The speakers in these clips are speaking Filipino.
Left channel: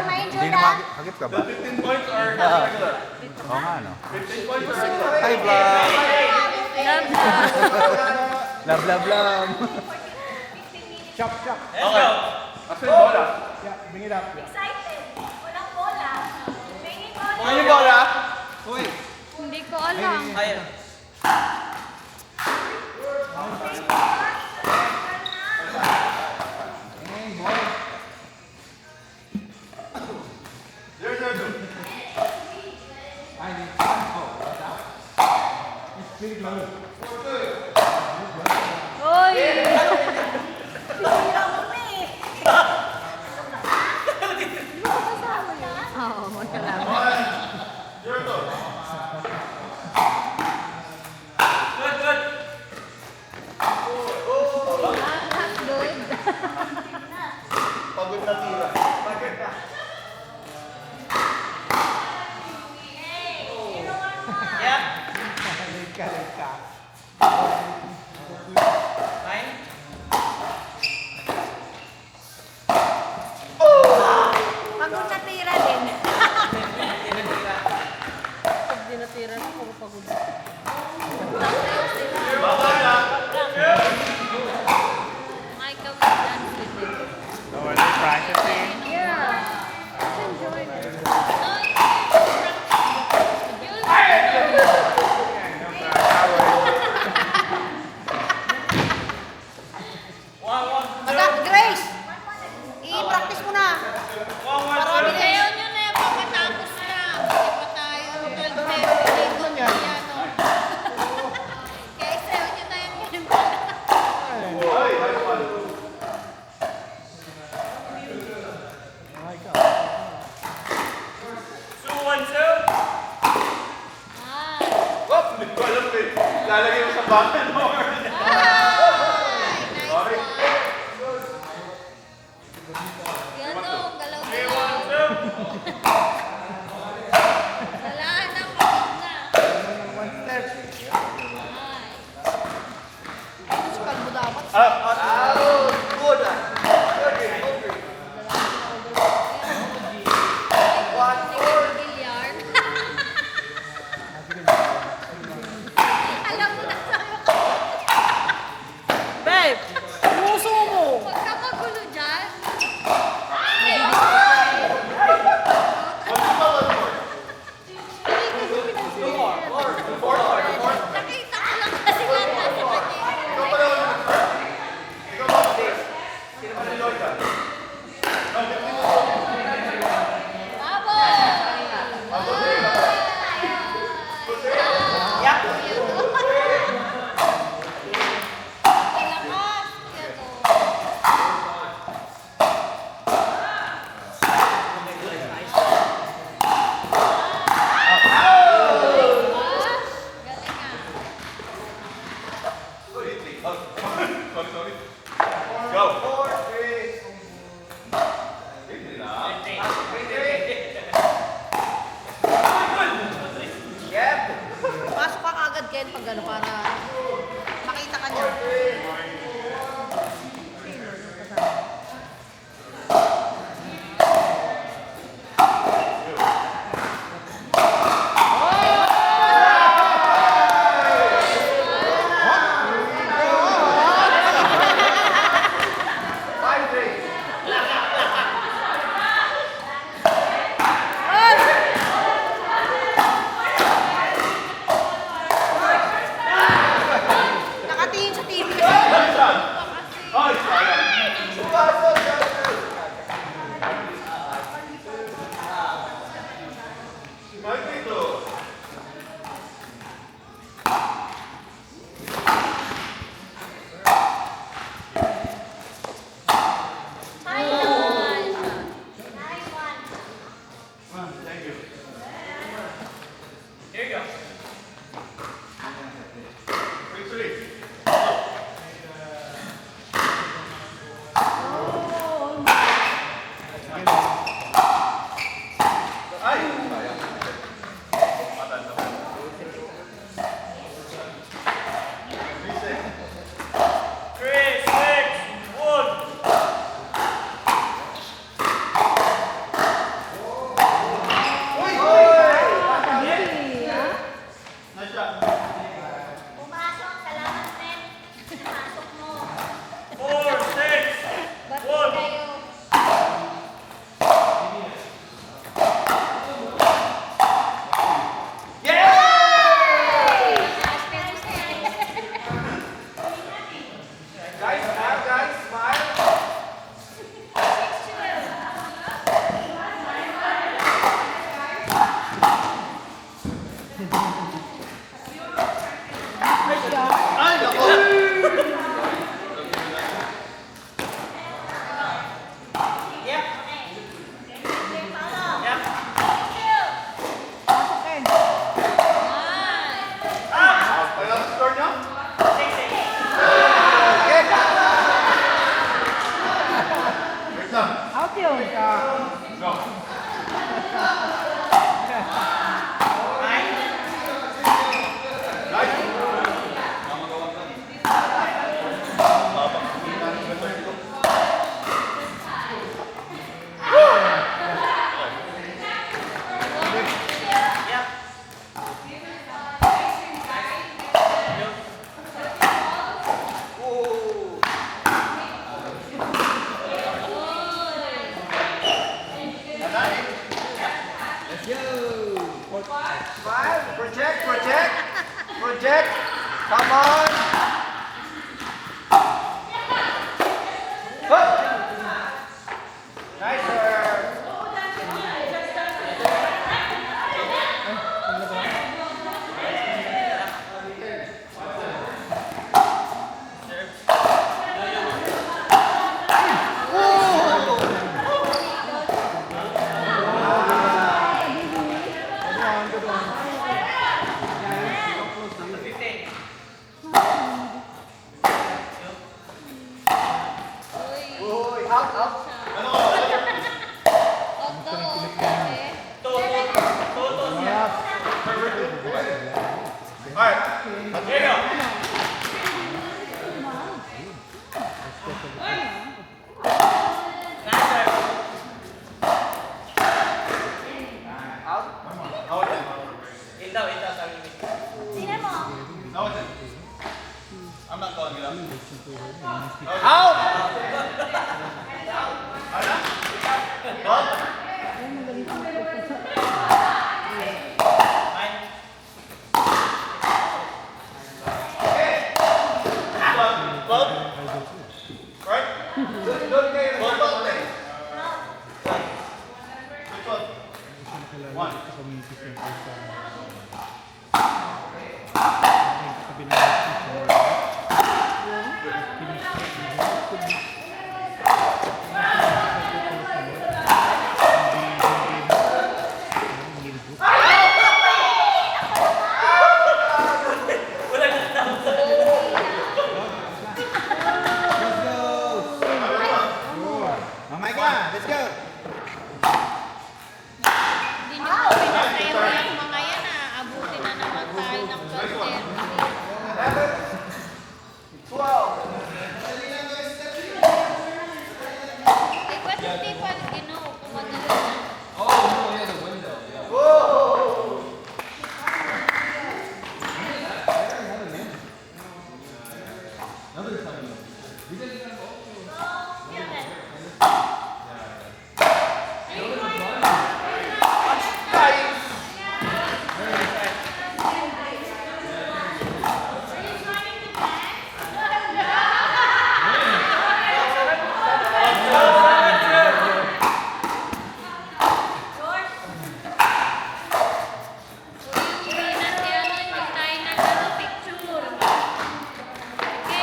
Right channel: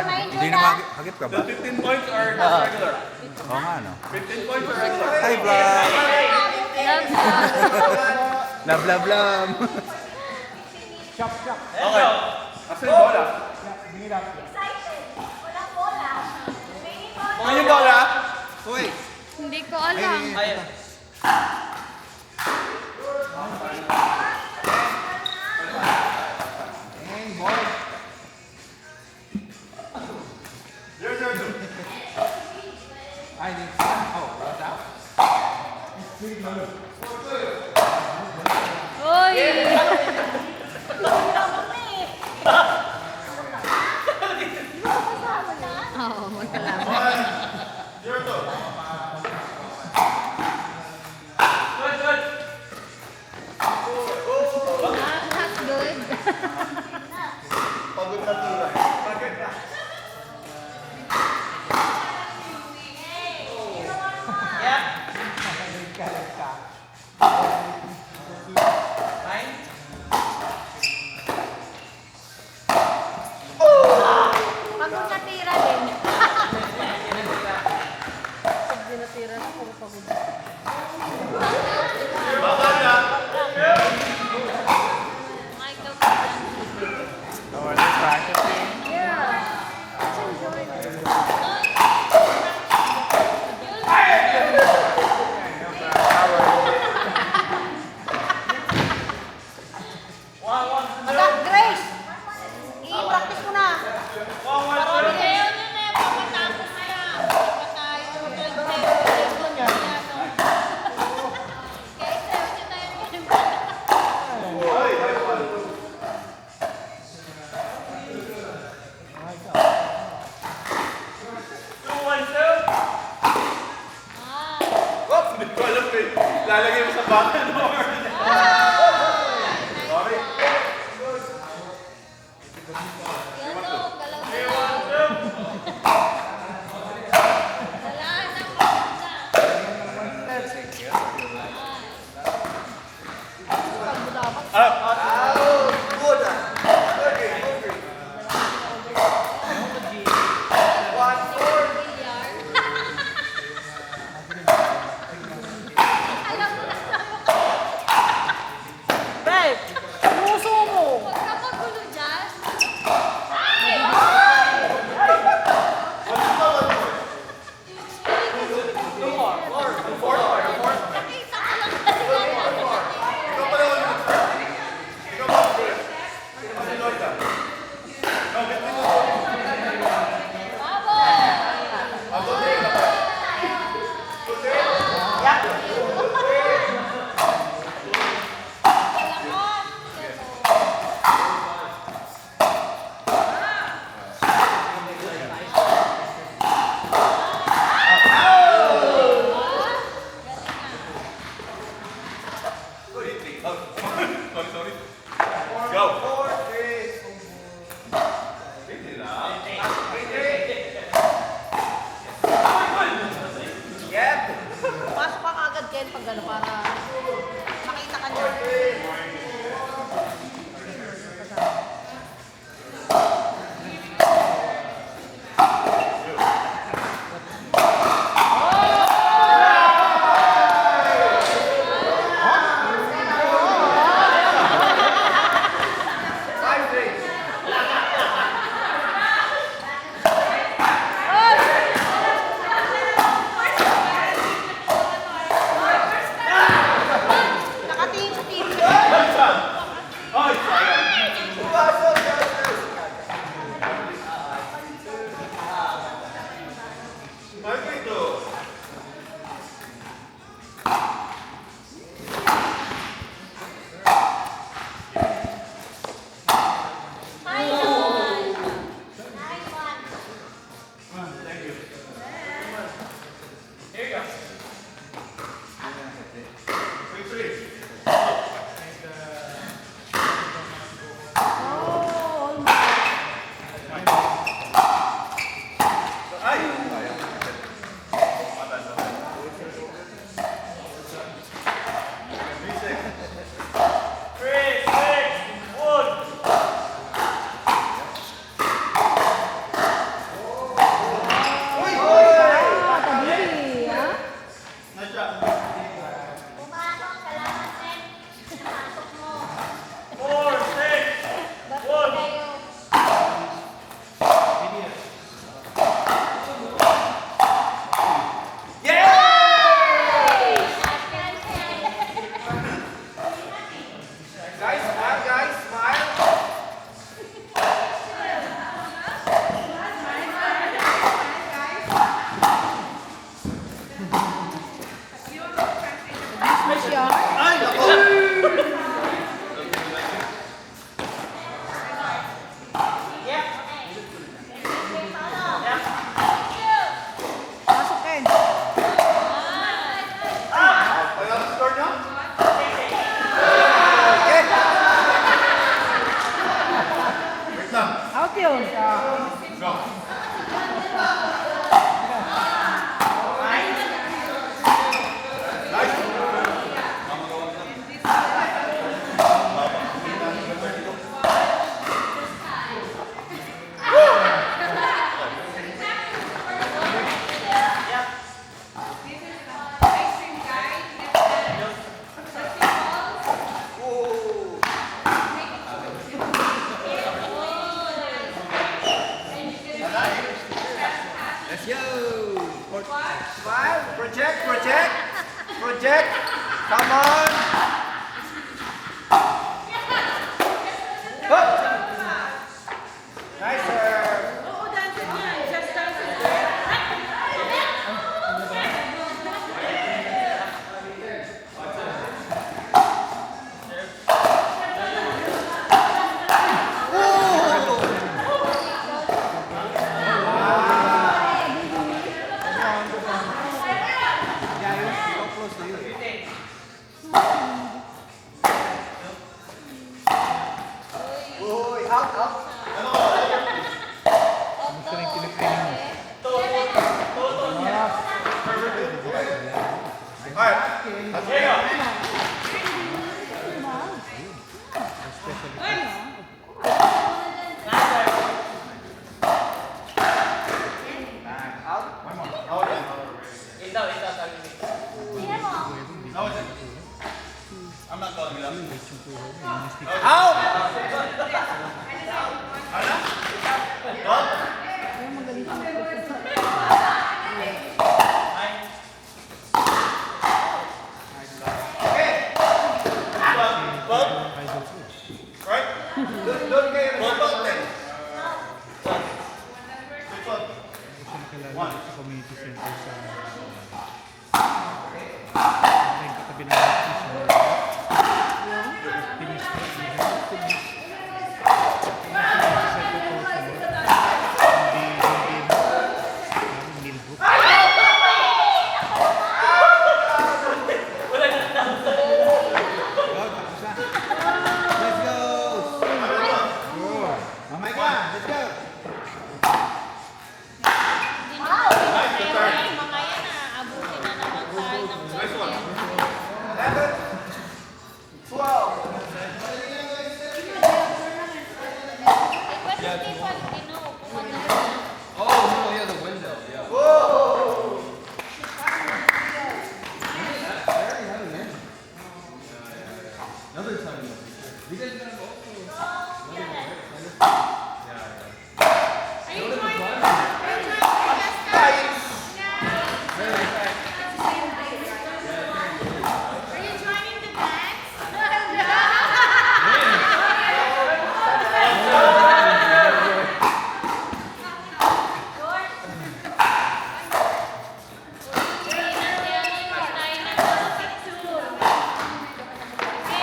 Hindi na hagip ka ba? 15 points or regular? Oo nga, no? 15 points or regular? Hi, vlog! Love, love, love! Okay. After yung bola. Mga yung bola? Hindi ko alam. Ayun. Uy! Oo, magkalaban. Good. Pagod na tira. Pagod na tira din. Pag di natira, puro pagod. Yeah. Let's enjoy this. Grace, i-practice mo na. Lalagay mo sa bakan mo. Sorry. Let's go! Five. Project, project. Project. Come on. Good. Nice, sir.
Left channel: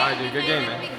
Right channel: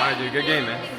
Alright, dude, good game, man.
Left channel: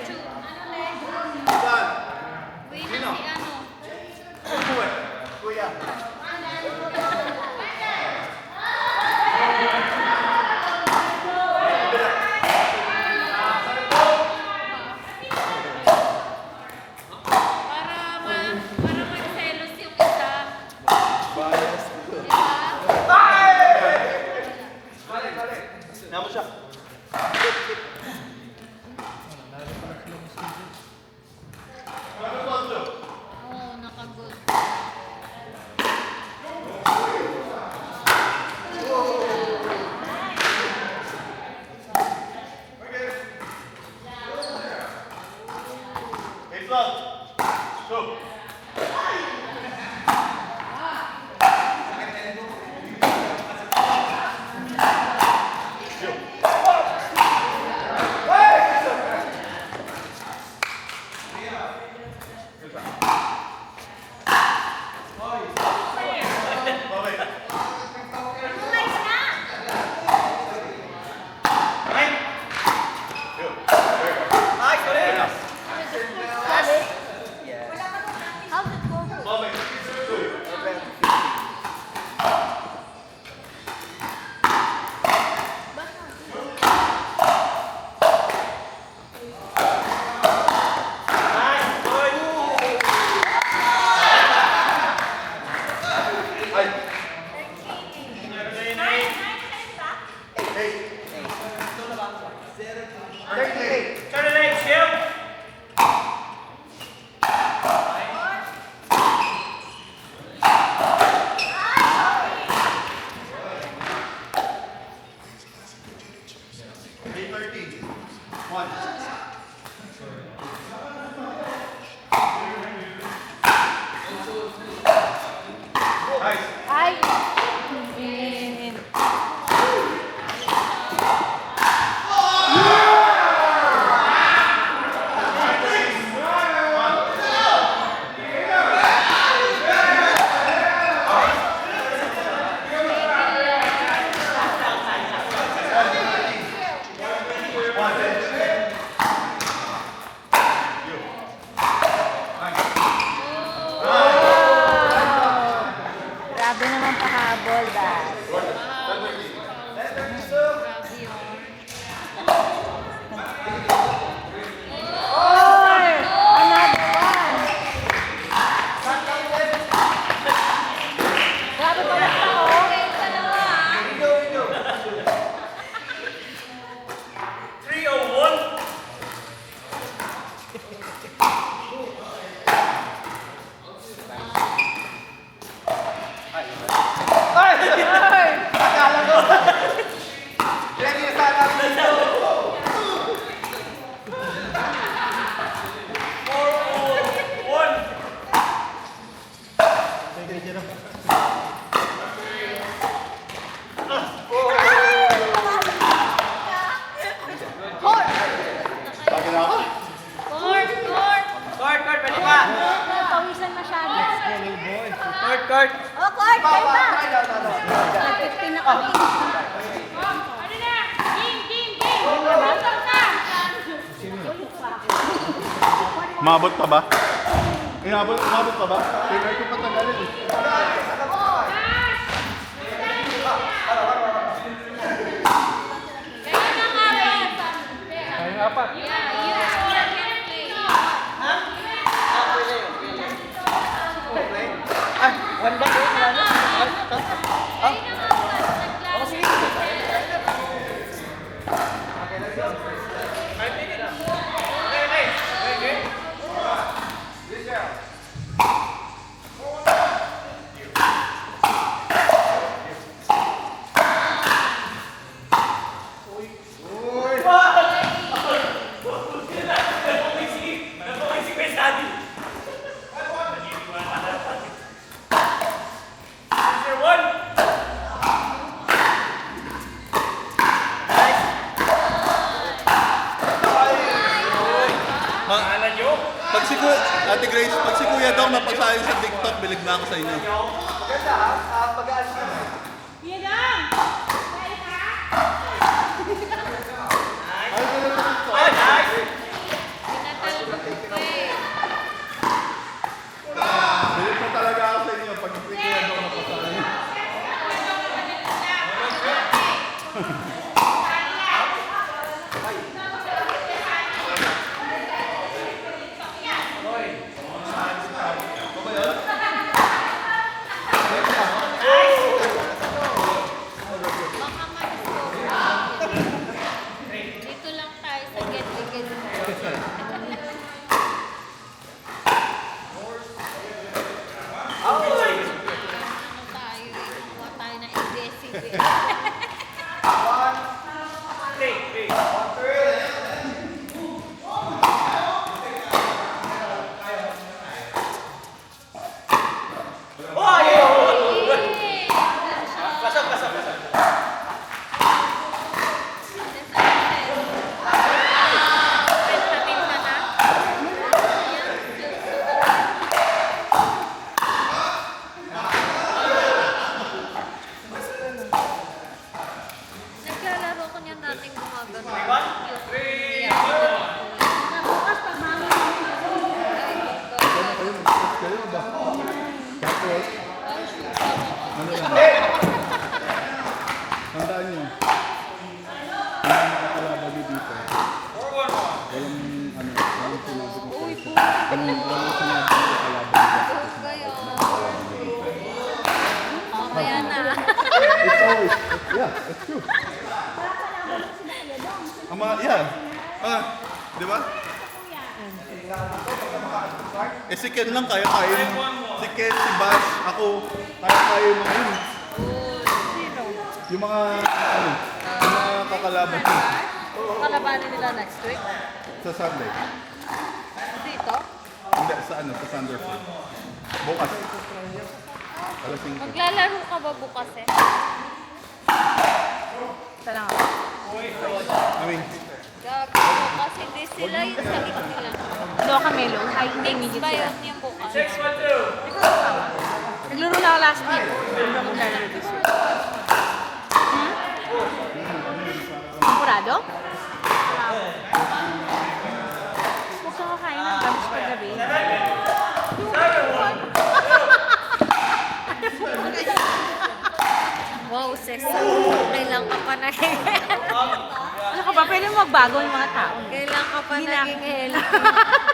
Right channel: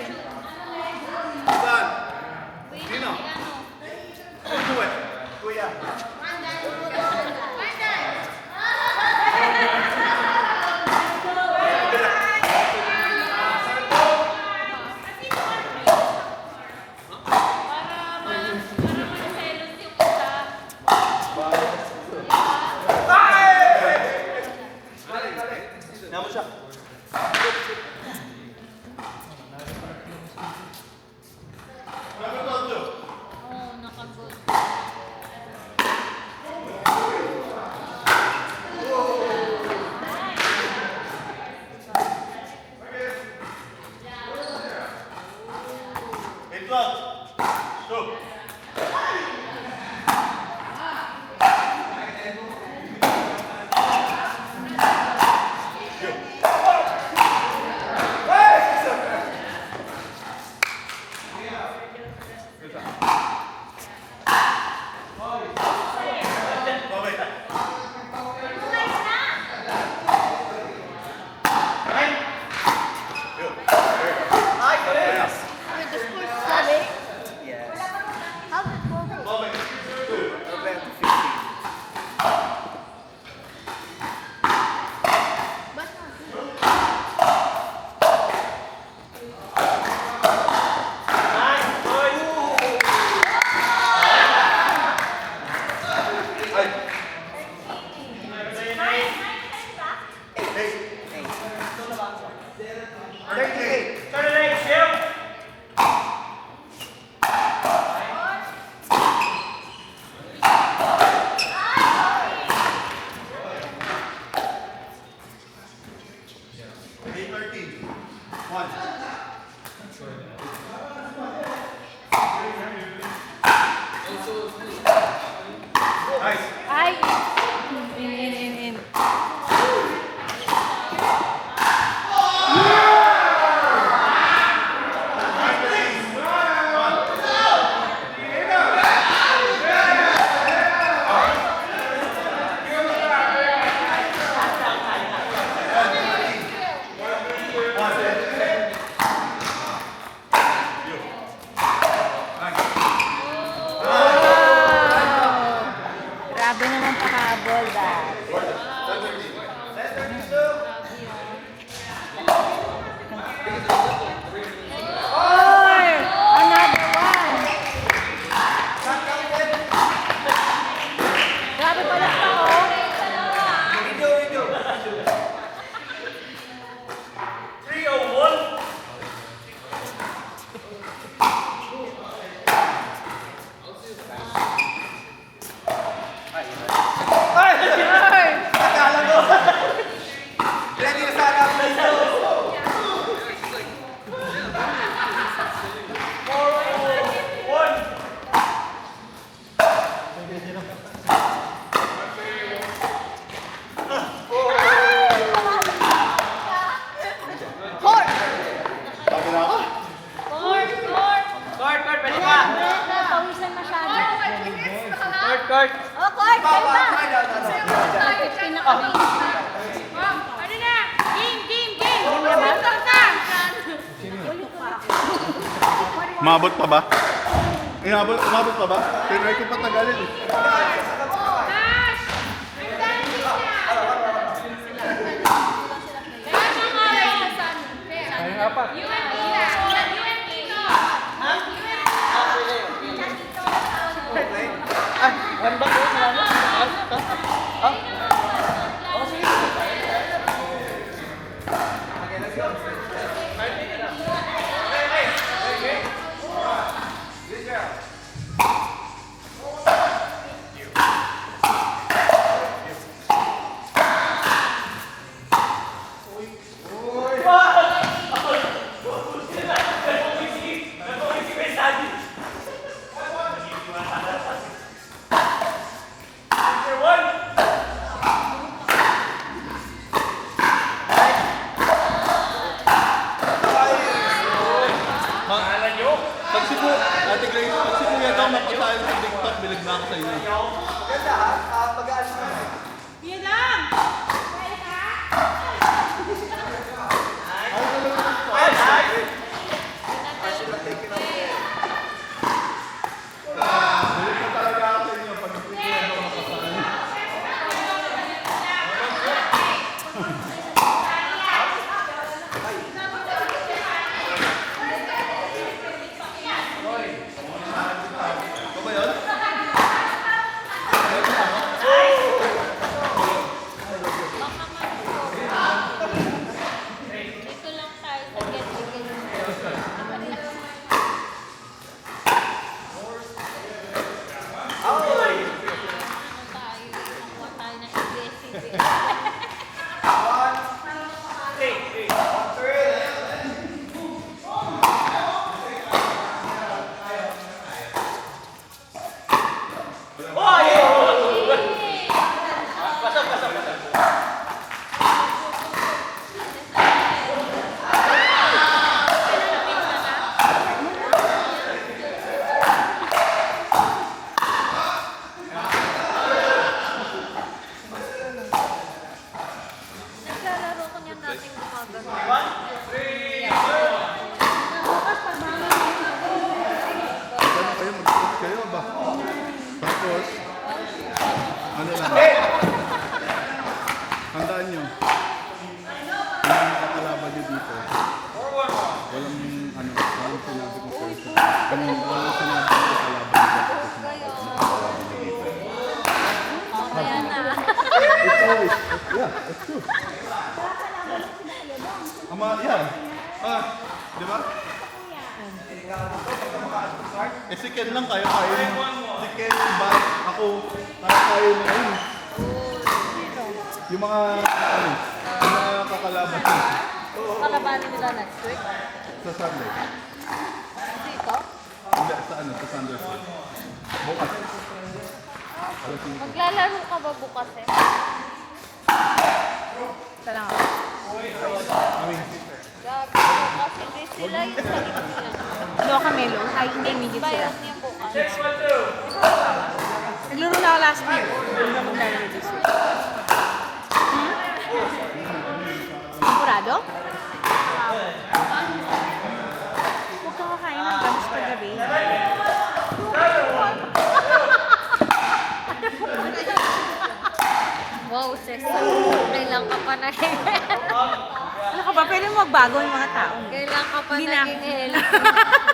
Ay! Grabe naman pakahabol, dad. Oy! Another one! Grabe pala ito, oh. Ready na sana ako dito. Court, pwede pa. Pawisan masyado. Court, court. Oh, Clark, kayo ba? Nag-15 na kami. Umabot pa ba? Umabot pa ba? Pinarty pa tagalin. One back eh, marami. Pag si Kuya, Ate Grace, pag si Kuya daw napasahin sa TikTok, bilig na ako sa inyo. Maganda ha, pag-aas naman. Bilig na talaga ako sa inyo pag si Kuya daw napasahin. Dito lang tayo sa get-get. Tayo na sige. Naglalaro ko niyan dating gumagano. Ano kayo, mag-post kayo ba? Tapos, ano lang? Handaan nyo. Kung may makakalaban nyo dito, walang sinabi ko sa isa. Walang sinabi ko sa kalaban nyo. Ayan na. It's always, yeah, it's true. Yan. Di ba? Eh si Ken lang kaya-kaya yun. Si Ken, si Bash, ako, kaya-kaya yun yun. Yung mga, yung mga kakalaban ko Kalabanin nila next week. sa Sunday. Dito? Hindi, sa Sanderson. Bukas. Maglalaro ka ba bukas eh? Tara nga. Gago, bukas hindi sila yung sa gitna lang. Ano ka, Melo? Ay, hindi, midget Ba sila. yung tipo? Naglaro na ako last week. Hindi ako maglalaro this week. Hmm? Sigurado? Huwag kang kakain ng gabs paggabi. Wow, Cesar. Kailan ka pa naging... Ano ka ba? Pwede mo magbago yung mga tao. Kailan ka pa Hindi na. naging healthy?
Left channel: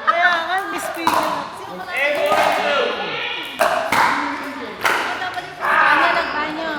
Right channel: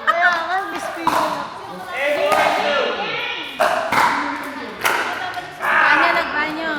Kaya nga, miss ko yun. Ano, nagbanyo?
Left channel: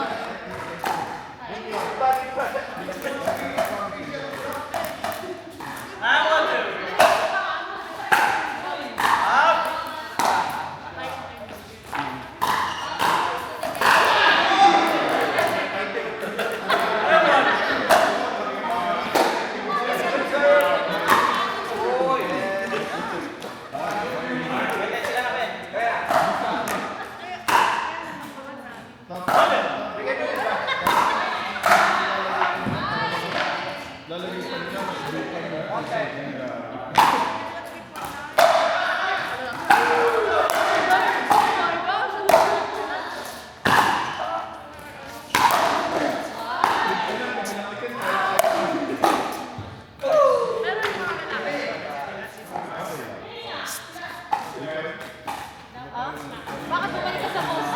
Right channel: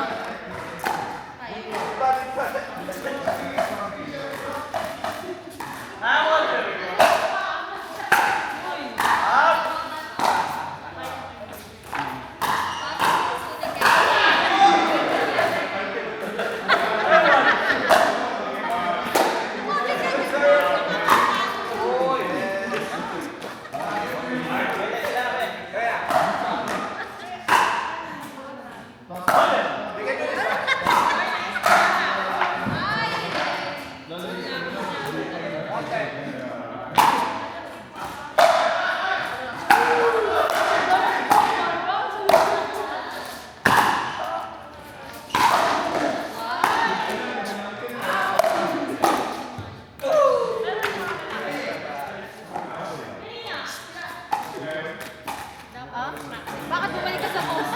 Bakit bumalik ka sa post?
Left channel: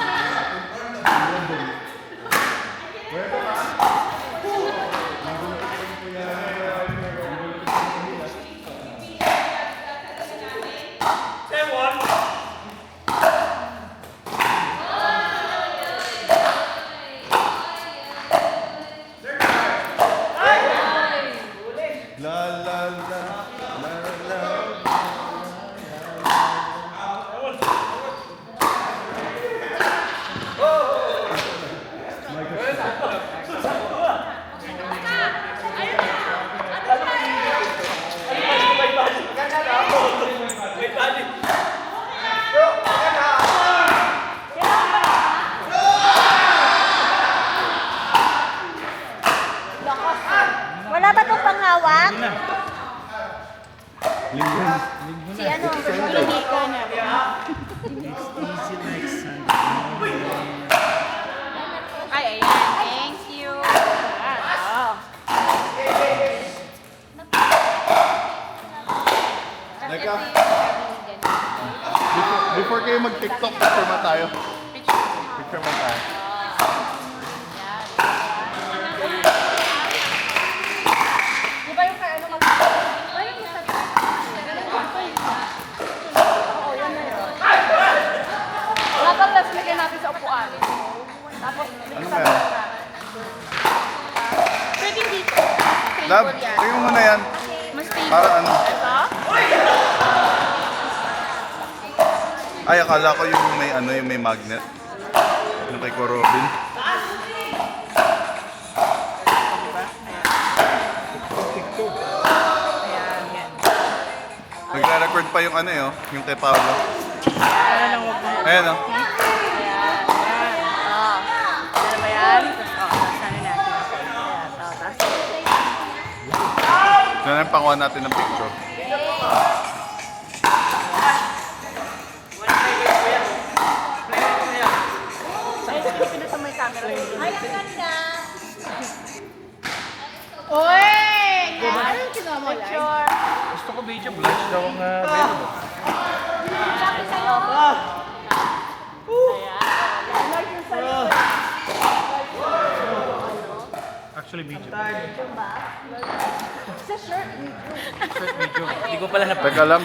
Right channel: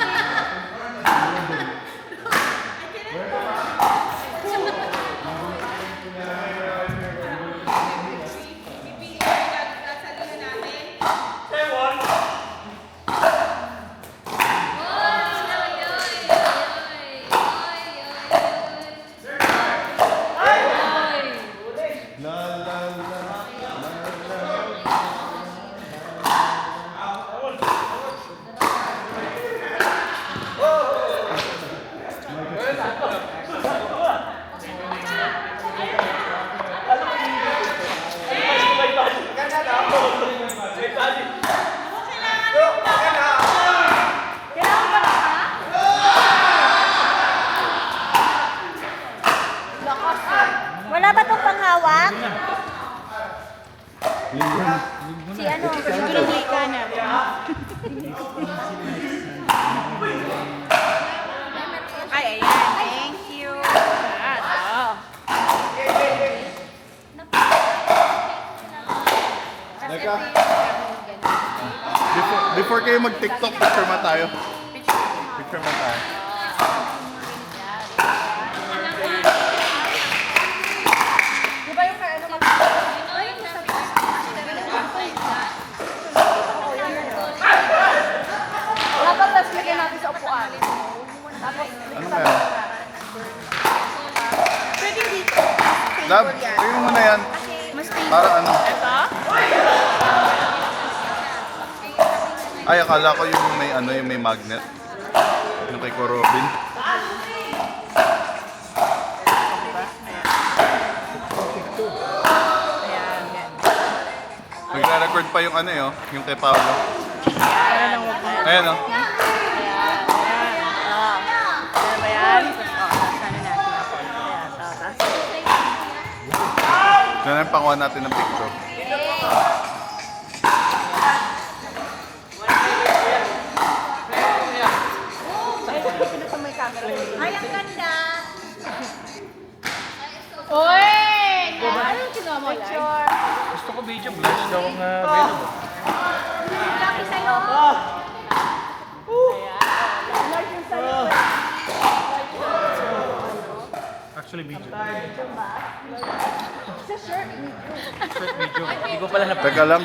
Wala ba itong panghawak? Linggon. Si ano? Si Nico. Ay, ayan. Thank you. Oh. Teka. Before kayo mag-TikTok, picture mo tayo. Picture mo tayo. Di ba yung ano mag... Ay, yung sabi ko. Oo, yan na yun. Dapat tapos lagyan natin sa upuan. Tapos, Ano meron? pwede dito. Lab, tingnan mo na yan. Mas stable. Para ano? Ito? Ay, akala ko yung may ano, yung may magnet. Yung kay Corobin. Ayan, yan. Nagre-record pa yung ano yun, yung kay Paolo. Ano lang huwag mo. Ayan o. Ayan, ayan. Oo. Ano ba yan? Tapos, sana natin ako. Ayan, tapos. Yan ang panguha natin ng picture. Pinatamay camera. Ay, Oy! Ano sinama yan? Picture. Gusto ko video, blanch daw ang available. Actually, video. Sa shirt. Short video. Hindi ko pala Teka lang,